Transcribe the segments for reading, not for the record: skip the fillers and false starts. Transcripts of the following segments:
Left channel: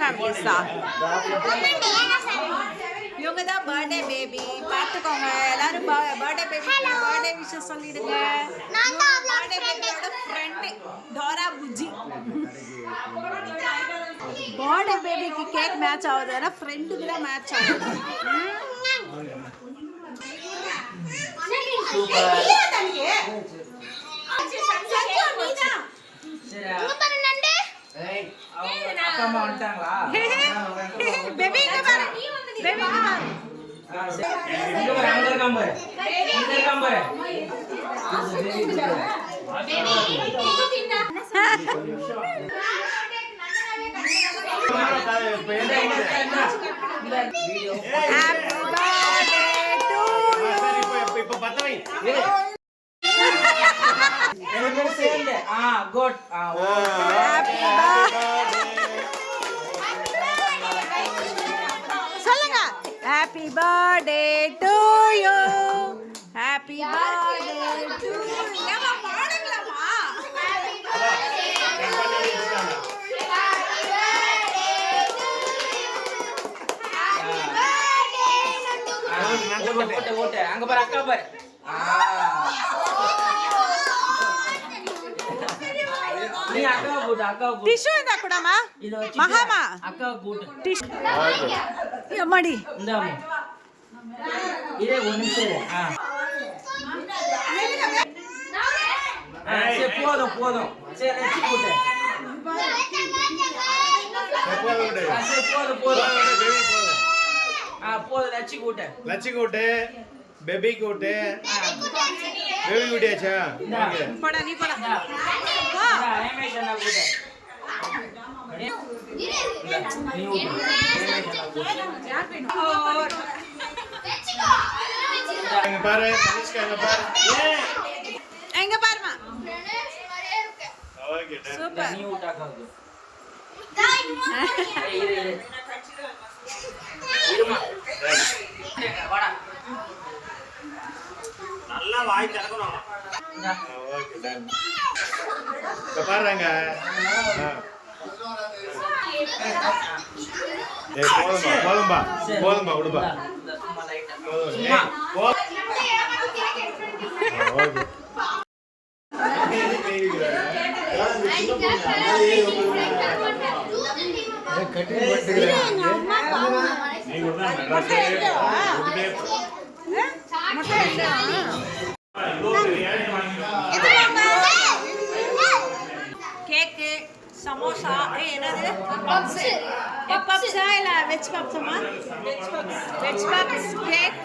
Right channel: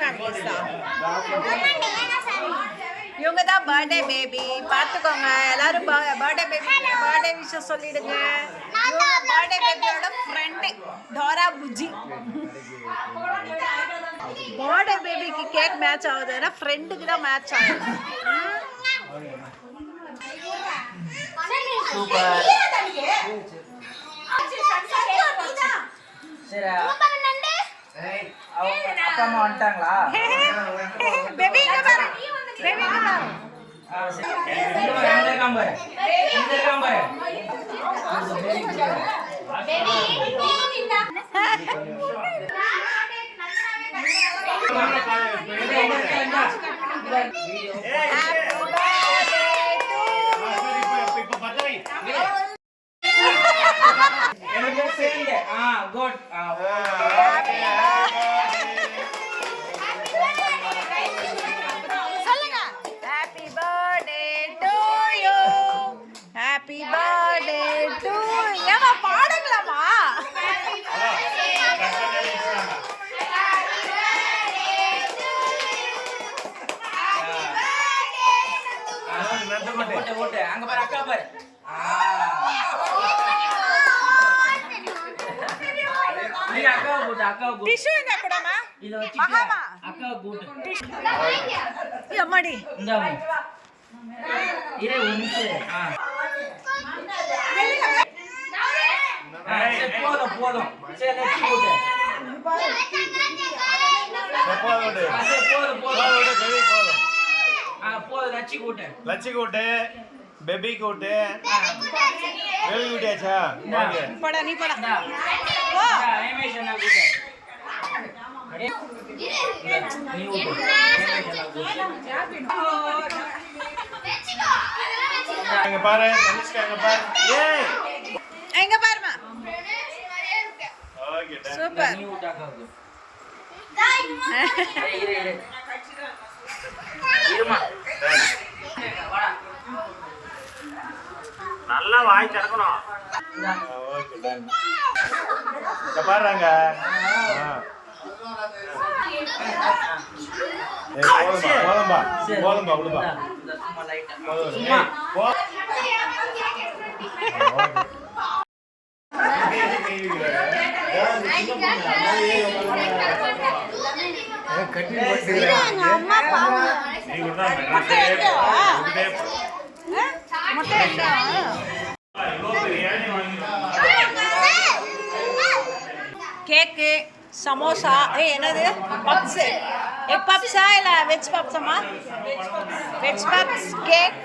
Families தான். இவங்க தான் பர்த்டே பேபி. பார்த்துக்கோங்க எல்லாரும் பர்த்டே பேபிக்கு பர்த்டே விஷயம் சொல்லிடுங்க. இவங்க பர்த்டே பேபியோட ஃப்ரெண்டு டோரா புஜி. பர்த்டே பேபிக்கு கேக் மேட்ச் ஆகுதுன்னா ஃப்ரெண்டுக்கு தான் மேட்ச் ஆகுது. சொல்லுங்க happy birthday to you, happy birthday to. ஏமா பாடுங்களாமா? அங்க பாரு அக்கா பாரு. டிஷ்யூ என்ன கூடமா மகாமா அக்கா கூட்டு டிஷ்யூ அம்மாடி இந்தாமா இரே ஒரு நிமிஷம். சரி போதும் போதும். சரி லட்சி கூட்டு போதும் போதும் லட்சி கூட்டு லட்சி கூட்டு பேபி கூட்டு பேபி கூட்டியாச்சா? ஓகே போடா நீ போடா போ. ரமேஷ் அண்ணா கூட்டு நீ கூட்டு. எங்க பாரு தனிஷ்கா எங்க பாரு. ஏய் எங்க பாருமா. Okay done. சூப்பர். நீ கூட்டாங்க. இரு இரு இருமா. நல்லா வாய் திறக்கணும். Okay done. இங்க பாருங்க. ஏய் போதும்பா போதும்பா விடுப்பா போதும். ஏய் போ. ஓகே கேக்கு சமோசா என்னது பப்ஸ் எக் பப்ஸா இல்லை வெஜ் பப்ஸாமா? Veg puffs cake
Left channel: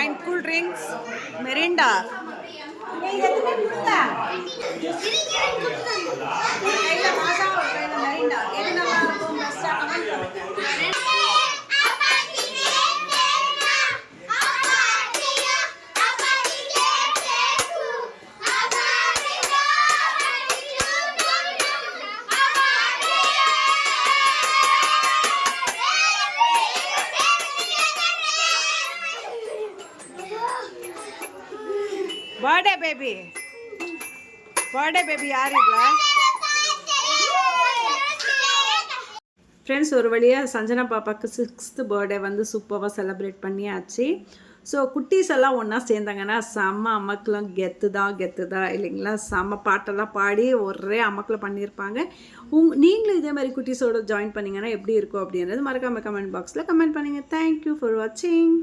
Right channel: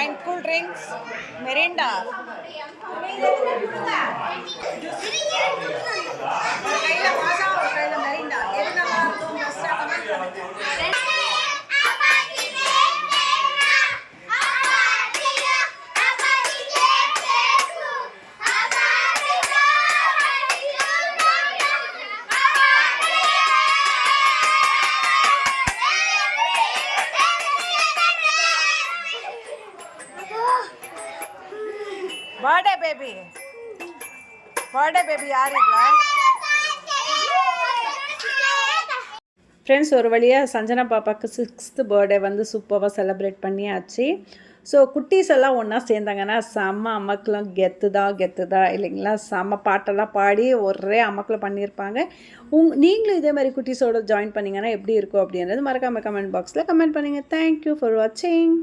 and cool drinks Mirinda. Birthday baby யார் இல்லை? ஃப்ரெண்ட்ஸ் ஒரு வழியாக சஞ்சனா பாப்பாவுக்கு 6th பர்த்டே வந்து சூப்பராக செலிப்ரேட் பண்ணியாச்சு. ஸோ குட்டீஸ் எல்லாம் ஒன்றா சேர்ந்தாங்கன்னா செம்ம அமக்கெலாம் கெத்து தான் இல்லைங்களா? செம்ம பாட்டெல்லாம் பாடி ஒரே அமக்கில் பண்ணியிருப்பாங்க. நீங்களும் இதே மாதிரி குட்டீஸோடு ஜாயின் பண்ணிங்கன்னா எப்படி இருக்கும் அப்படின்றது மறக்காமல் கமெண்ட் பாக்ஸில் கமெண்ட் பண்ணுங்கள். தேங்க்யூ ஃபார் வாட்சிங்.